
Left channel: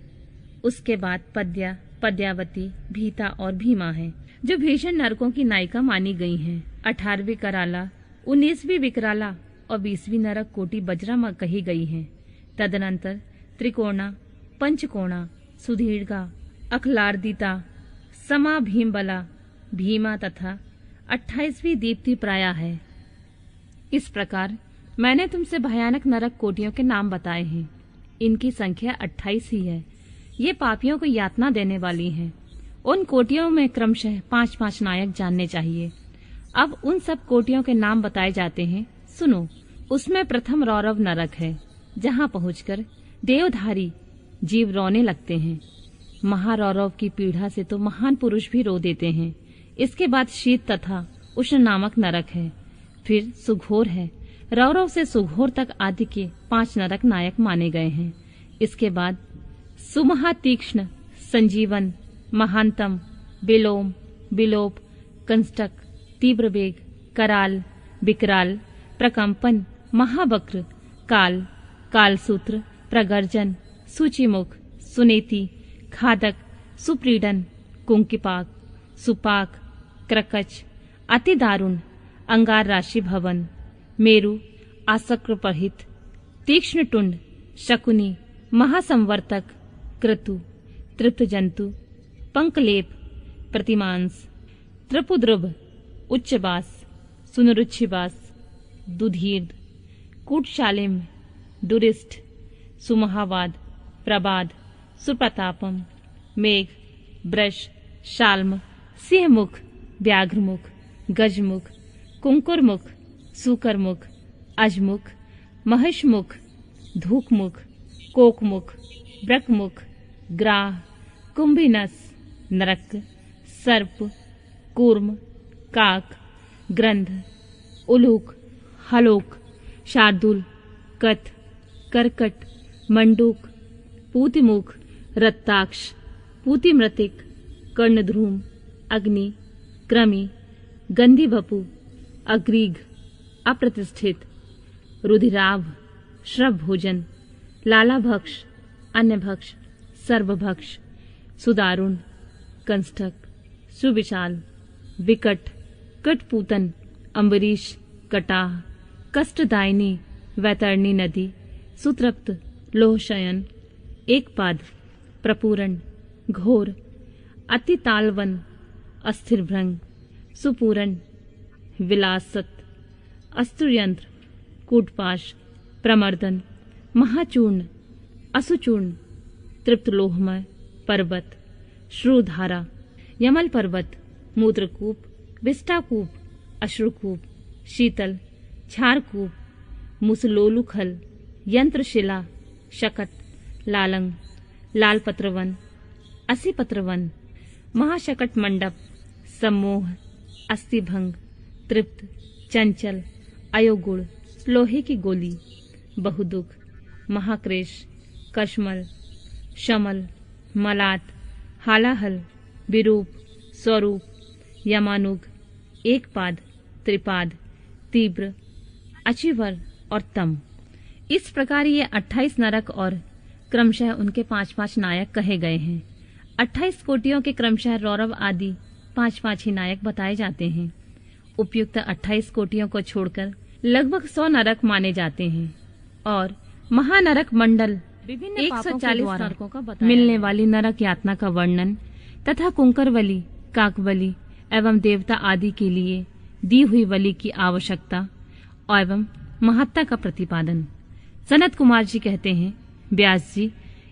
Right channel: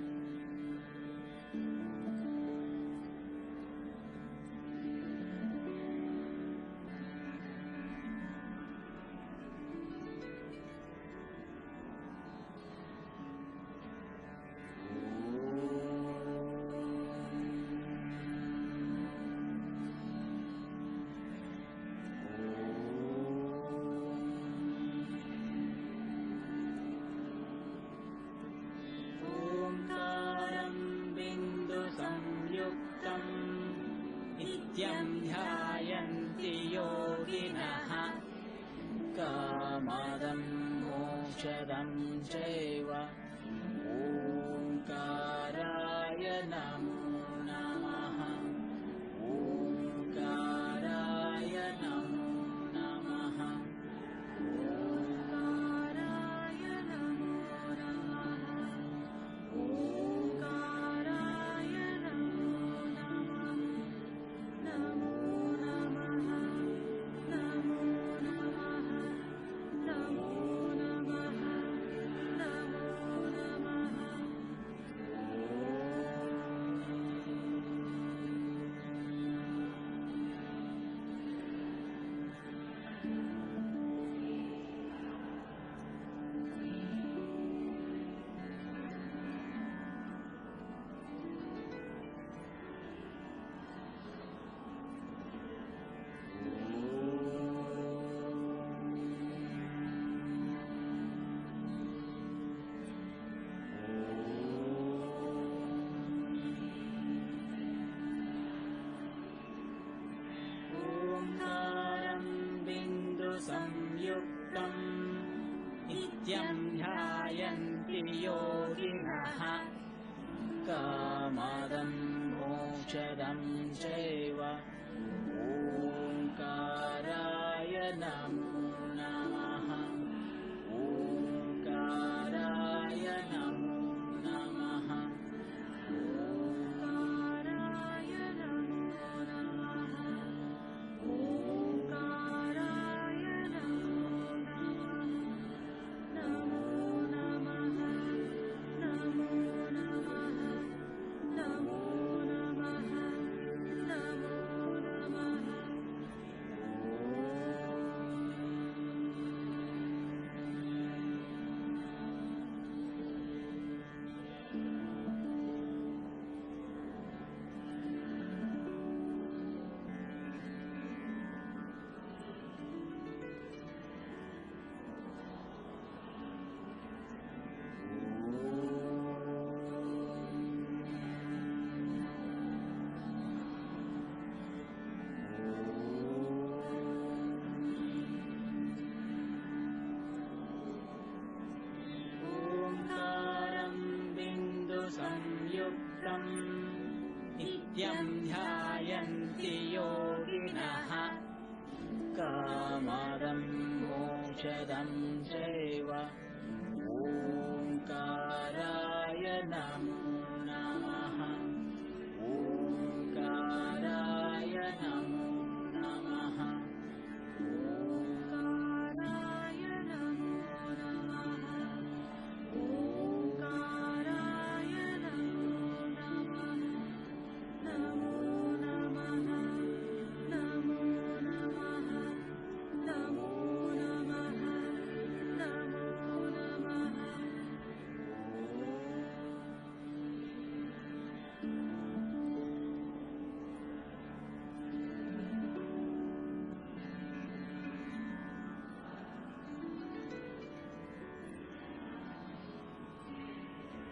उसके बाद पद्या, पद्यावती, भीता और भीमा है, जो भीषण नरकों की नायिका मानी गई हैं। 18वीं कराला, 19वीं विकराला और 20वीं नरक कोटि बज्रमा कही गई हैं। तदनंतर त्रिकोणा, पंचकोणा, सुधीर्घा, अखलार्दिता, समा भीमबला, भीमा तथा 28वीं दीप्ति प्राया है। इस प्रकार मैंने तुमसे भयानक नरक कोटियों के नाम बताए हैं। इनकी संख्या 28 ही है। ये पापियों को यातना देने वाली हैं। उन कोटियों में क्रमशः 5-5 नायक जानने चाहिए। अब उन सब कोटियों के नाम बताए जाते हैं, सुनो। उसमें प्रथम रौरव नरक है, जहाँ पहुंचकर देवधारी जीव रोने लगते हैं। महारौरव की पीड़ा से तो महान पुरुष भी रो देते हैं। इसके बाद शीत तथा उष्ण नामक नरक है। फिर सुघोर है। रौरव से सुघोर तक आदि के 5 नरक नायक माने गए हैं। इसके बाद सुमहा, तीक्ष्ण, संजीवन, महानतम, बिलोम, बिलोप, कंस्टक, तीव्र वेग, कराल, विकराल, प्रकंपन, महावक्र, काल, कालसूत्र, प्रगर्जन, सूचिमुख, सुनेति, खादक, सुप्रीडन, कुंकिपाक, सुपाक, क्रकच, अति दारुण, अंगार राशि भवन, मेरु, आसक्रपहित, तीक्ष्ण टुंड, शकुनी, महासंवर्तक, क्रतु, तृप्त जंतु, पंकलेप, प्रतिमांस, त्रिपुद्रुभ, उच्चबास, सुनरुच्छिबास, दुधीर, कूटशालिम, दुरिष्ठ, सुमहावाद, प्रबाद, सुप्रतापम, मेघ, ब्रश, शाल्म, सिंहमुख, व्याघ्रमुख, गजमुख, कुंकुरमुख, सुकरमुख, अजमुख, महिषमुख, धूकमुख, कोकमुख, ब्रकमुख, ग्राह, कुंभिनस, नरक, सर्प, कूर्म, काक, ग्रंथ, उलूक, हलोक, शार्दुल, कथ, करकट, मंडूक, पूतिमुख, रत्ताक्ष, पूतिमृतिक, कर्णध्रूम, अग्नि, क्रमी, गंधी बपु, अग्रीग, अप्रतिष्ठित, रुधिराभ, श्रव भोजन, लालाभक्ष, अन्यभक्ष, सर्वभक्ष, सुदारुण, कंस्टक, सुविशाल, विकट, कटपूतन, अम्बरीश, कटाह, कष्टदायिनी, वैतरणी नदी, सुतृप्त, लोहशयन, एकपाद, प्रपूरण, घोर, अतितालवन, अस्थिरभृंग, सुपूरण, विलासत, अस्त्रयंत्र, कूटपाश, प्रमर्दन, महाचूर्ण, असुचूर्ण, तृप्त लोहमय, पर्वत, श्रुधारा, यमल पर्वत, मूत्रकूप, विष्टाकूप, अश्रुकूप, शीतल, क्षारकूप, मुसलोलुखल, यंत्रशिला, शकट, लालंग, लालपत्रवन, असीपत्रवन, महाशकट मंडप, सम्मोह, अस्थिभंग, तृप्त, चंचल, अयोगुण, लोहे की गोली, बहुदुख, महाक्रेश, कश्मल, शमल, मलात, हालाहल, विरूप, स्वरूप, यमानुग, एकपाद, त्रिपाद, तीव्र, अचिवर और तम। इस प्रकार ये 28 नरक और क्रमशः उनके 5-5 नायक कहे गए हैं। 28 कोटियों के क्रमशः रौरव आदि 5-5 ही नायक बताए जाते हैं। उपयुक्त 28 कोटियों को छोड़कर लगभग 100 नरक माने जाते हैं और महानरक मंडल 140 नरकों का मिलने वाली नरक यातना का वर्णन तथा कुंकरवली, काकवली एवं देवता आदि के लिए दी हुई बलि की आवश्यकता एवं महत्ता का प्रतिपादन। सनत कुमार जी कहते हैं, व्यास जी,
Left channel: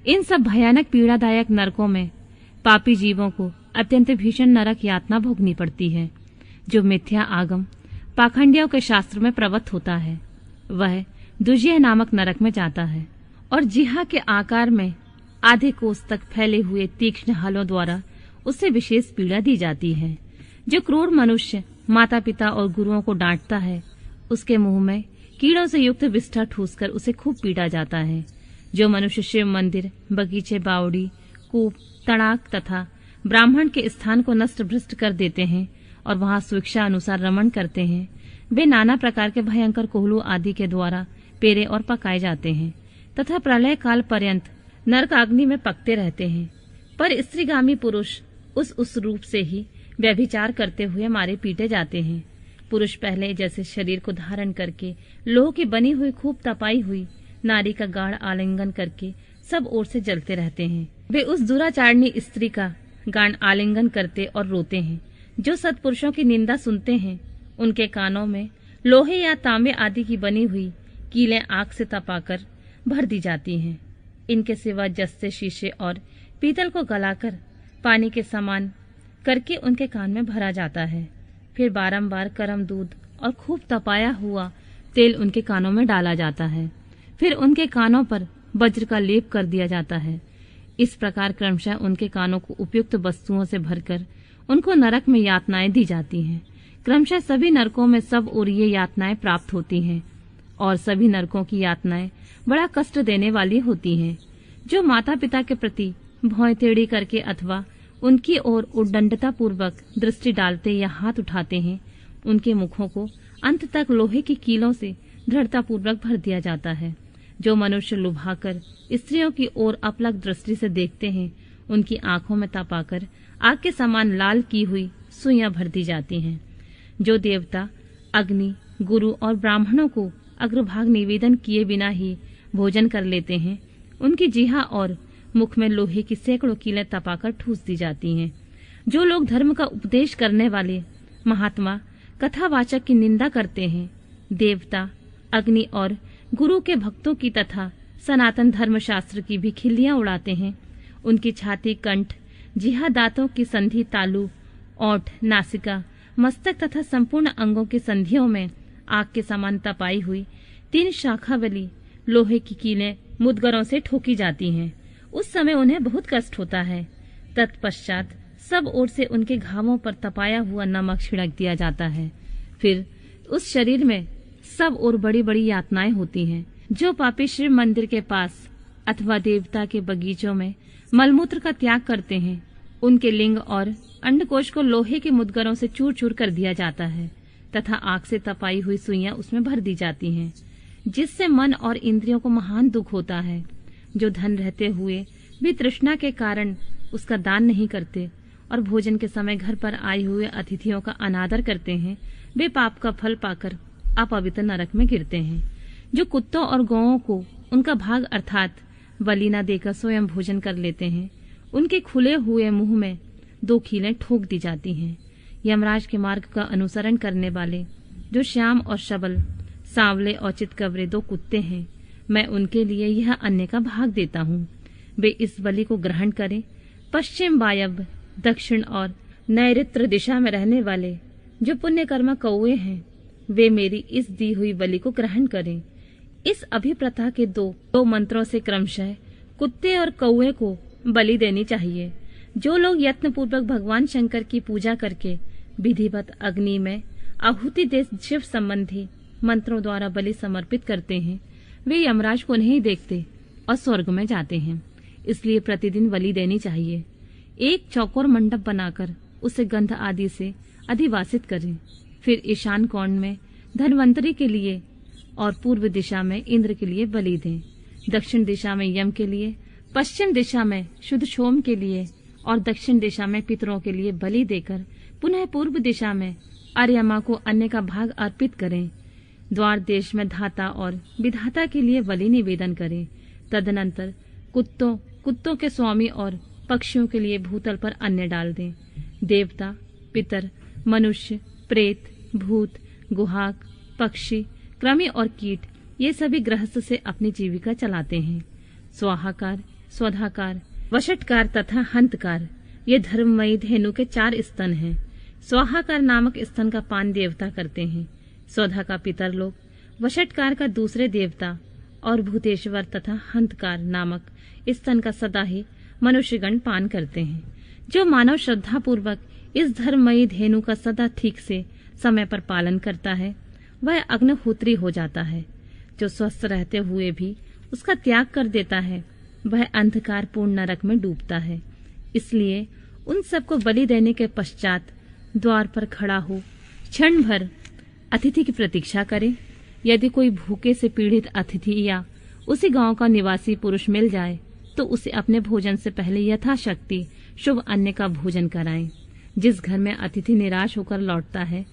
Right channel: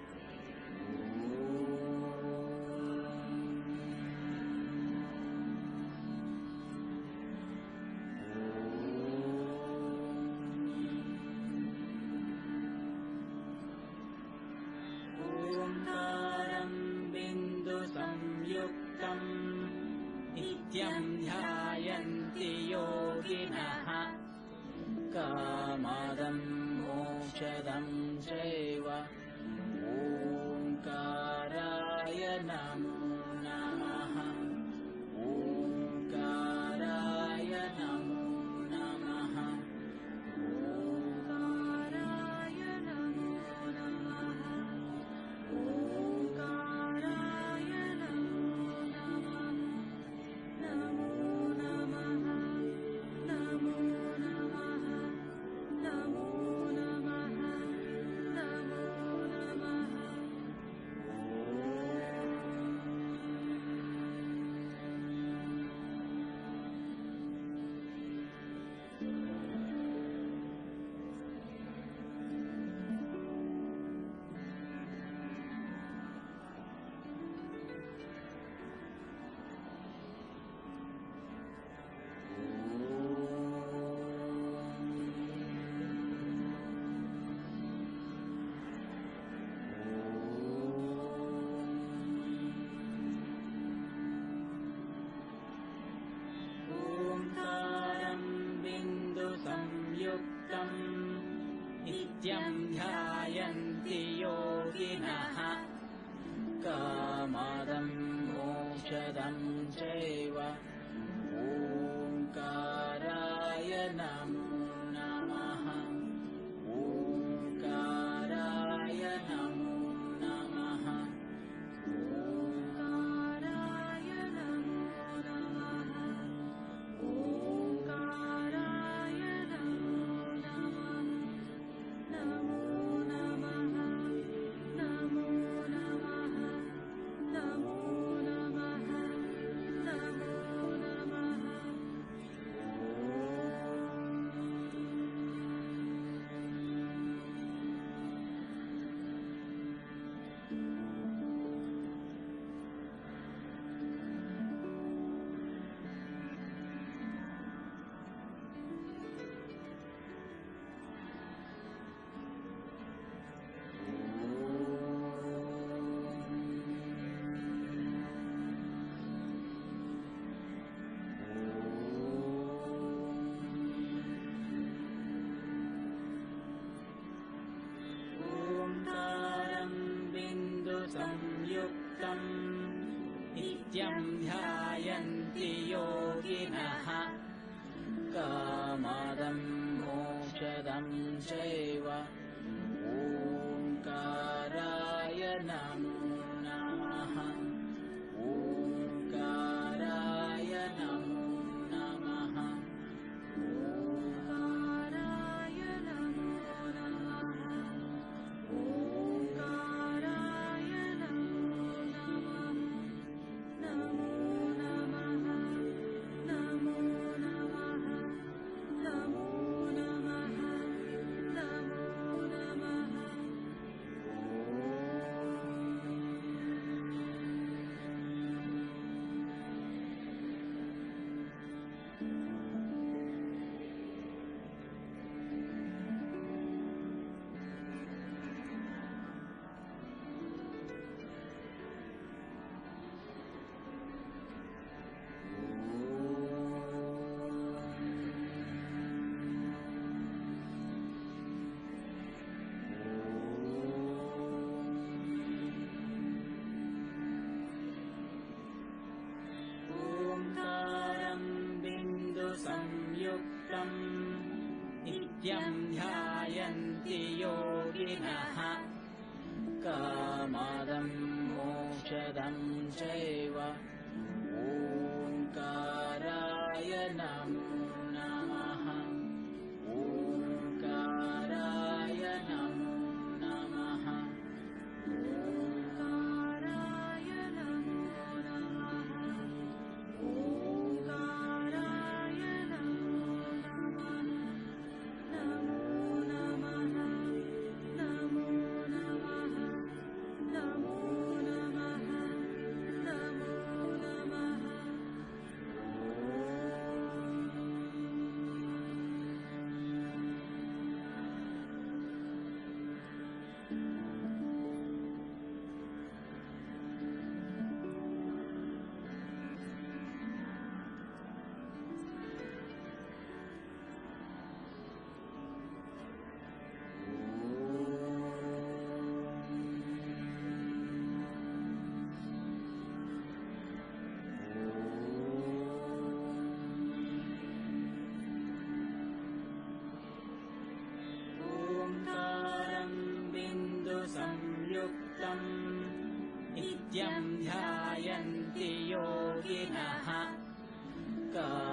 इन सब भयानक पीड़ादायक नरकों में पापी जीवों को अत्यंत भीषण नरक यातना भोगनी पड़ती है। जो मिथ्या आगम पाखंडियों के शास्त्र में प्रवत होता है वह दुजिया नामक नरक में जाता है और जिहा के आकार में आधे कोस तक फैले हुए तीक्ष्ण हलों द्वारा उससे विशेष पीड़ा दी जाती है। जो क्रूर मनुष्य माता पिता और गुरुओं को डांटता है उसके मुंह में कीड़ों से युक्त विष्ठा ठूसकर उसे खूब पीटा जाता है। जो मनुष्य शिव मंदिर, बगीचे, बावड़ी, कूप, तड़ाक तथा ब्राह्मण के स्थान को नष्ट भ्रष्ट कर देते हैं और वहां स्वेच्छा अनुसार रमण करते हैं, वे नाना प्रकार के भयंकर कोहलू आदि के द्वारा पेरे और पकाए जाते हैं तथा प्रलय काल पर्यंत नरकाग्नि में पकते रहते हैं। पर स्त्रीगामी पुरुष उस रूप से ही व्यभिचार करते हुए मारे पीटे जाते हैं। पुरुष पहले जैसे शरीर को धारण करके लोह की बनी हुई खूब तपाई हुई नारी का गाढ़ आलिंगन करके सब ओर से जलते रहते हैं। वे उस दुराचारणी स्त्री का गाढ़ आलिंगन करते और रोते हैं। जो सत्पुरुषों की निंदा सुनते हैं उनके कानों में लोहे या तांबे आदि की बनी हुई कीलें आग से तपाकर भर दी जाती हैं। इनके सिवा जस्ते, शीशे और पीतल को गलाकर पानी के समान करके उनके कान में भरा जाता है। फिर बारंबार गर्म दूध और खूब तपाया हुआ तेल उनके कानों में डाला जाता है। फिर उनके कानों पर वज्र का लेप कर दिया जाता है। इस प्रकार क्रमशः उनके कानों को उपयुक्त वस्तुओं से भरकर उनको नरक में यातनाएं दी जाती हैं। क्रमशः सभी नरकों में सब ओर ये यातनाएं प्राप्त होती हैं और सभी नरकों की यातनाएं बड़ा कष्ट देने वाली होती हैं। जो माता पिता के प्रति भौं टेढ़ी करके अथवा उनकी ओर उद्दंडता पूर्वक दृष्टि डालते या हाथ उठाते हैं, उनके मुखों को अंत तक लोहे की कीलों से दृढ़ता पूर्वक भर दिया जाता है। जो मनुष्य लुभाकर स्त्रियों की ओर अपलक दृष्टि से देखते हैं, उनकी आंखों में तपाकर आग के समान लाल की हुई सुइयां भर दी जाती हैं। जो देवता अग्नि, गुरु और ब्राह्मणों को अग्रभाग निवेदन किए बिना ही भोजन कर लेते हैं, उनकी जीहा और मुख में लोहे की सैकड़ों कीलें तपाकर ठूस दी जाती हैं। जो लोग धर्म का उपदेश करने वाले महात्मा कथावाचक की निंदा करते हैं, देवता, अग्नि और गुरु के भक्तों की तथा सनातन धर्म शास्त्र की भी खिल्लियां उड़ाते हैं, उनकी छाती, कंठ, जिहा, दांतों की संधि, तालू, ओंठ, नासिका, मस्तक तथा संपूर्ण अंगों की संधियों में आग के समान तपाई हुई 3 शाखा वाली लोहे की कीलें मुदगरों से ठोकी जाती हैं। उस समय उन्हें बहुत कष्ट होता है। तत्पश्चात सब ओर से उनके घावों पर तपाया हुआ नमक छिड़क दिया जाता है। फिर उस शरीर में सब ओर बड़ी बड़ी यातनाएं होती हैं। जो पापी शिव मंदिर के पास अथवा देवता के बगीचों में मलमूत्र का त्याग करते हैं, उनके लिंग और अंडकोश को लोहे के मुदगरों से चूर चूर कर दिया जाता है तथा आग से तपाई हुई सुइयां उसमें भर दी जाती हैं, जिससे मन और इंद्रियों को महान दुख होता है। जो धन रहते हुए भी तृष्णा के कारण उसका दान नहीं करते और भोजन के समय घर पर आए हुए अतिथियों का अनादर करते हैं, वे पाप का फल पाकर अपवित्र नरक में गिरते हैं। जो कुत्तों और गौओं को उनका भाग अर्थात बलि न देकर स्वयं भोजन कर लेते हैं, उनके खुले हुए मुंह में 2 कीलें ठोक दी जाती हैं। यमराज के मार्ग का अनुसरण करने वाले जो श्याम और शबल, सांवले और चितकबरे 2 कुत्ते हैं, मैं उनके लिए यह अन्न का भाग देता हूँ। वे इस बलि को ग्रहण करें। पश्चिम, वायव्य, दक्षिण और नैऋत्य दिशा में रहने वाले जो पुण्यकर्मा कौवे हैं, वे मेरी इस दी हुई बलि को ग्रहण करें। इस अभिप्रथा के दो मंत्रों से क्रमशः कुत्ते और कौवे को बलि देनी चाहिए। जो लोग यत्न पूर्वक भगवान शंकर की पूजा करके विधिवत अग्नि में आहुति दे शिव संबंधी मंत्रों द्वारा बलि समर्पित करते हैं, वे यमराज को नहीं देखते और स्वर्ग में जाते हैं। इसलिए प्रतिदिन बलि देनी चाहिए। एक चौकोर मंडप बनाकर उसे गंध आदि से अधिवासित करें। फिर ईशान कोण में धन्वंतरी के लिए और पूर्व दिशा में इंद्र के लिए बलि दें। दक्षिण दिशा में यम के लिए, पश्चिम दिशा में शुद्ध सोम के लिए और दक्षिण दिशा में पितरों के लिए बलि देकर पुनः पूर्व दिशा में आर्यमा को अन्न का भाग अर्पित करें। द्वार देश में धाता और विधाता के लिए बलि निवेदन करें। तदनंतर कुत्तों के स्वामी और पक्षियों के लिए भूतल पर अन्न डाल दें। देवता, पितर, मनुष्य, प्रेत, भूत, गुहाक, पक्षी, कृमि और कीट ये सभी गृहस्थ से अपनी जीविका चलाते हैं। स्वाहाकार, स्वधाकार, वशटकार तथा हंतकार ये धर्ममयी धेनु के 4 स्तन हैं। स्वाहाकार नामक स्तन का पान देवता करते हैं। स्वधा का पितर लोग, वशटकार का दूसरे देवता और भूतेश्वर तथा हंतकार नामक स्तन का सदा ही मनुष्यगण पान करते हैं। जो मानव श्रद्धा पूर्वक इस धर्ममयी धेनु का सदा ठीक से समय पर पालन करता है, वह अग्निहोत्री हो जाता है। जो स्वस्थ रहते हुए भी उसका त्याग कर देता है, वह अंधकार पूर्ण नरक में डूबता है। इसलिए उन सबको बलि देने के पश्चात द्वार पर खड़ा हो क्षण भर अतिथि की प्रतीक्षा करें। यदि कोई भूखे से पीड़ित अतिथि या उसी गांव का निवासी पुरुष मिल जाए तो उसे अपने भोजन से पहले यथाशक्ति शुभ अन्न का भोजन कराएं। जिस घर में अतिथि निराश होकर लौटता है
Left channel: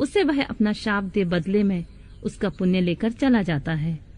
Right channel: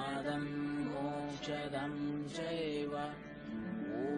उसे वह अपना शाप दे बदले में उसका पुण्य लेकर चला जाता है।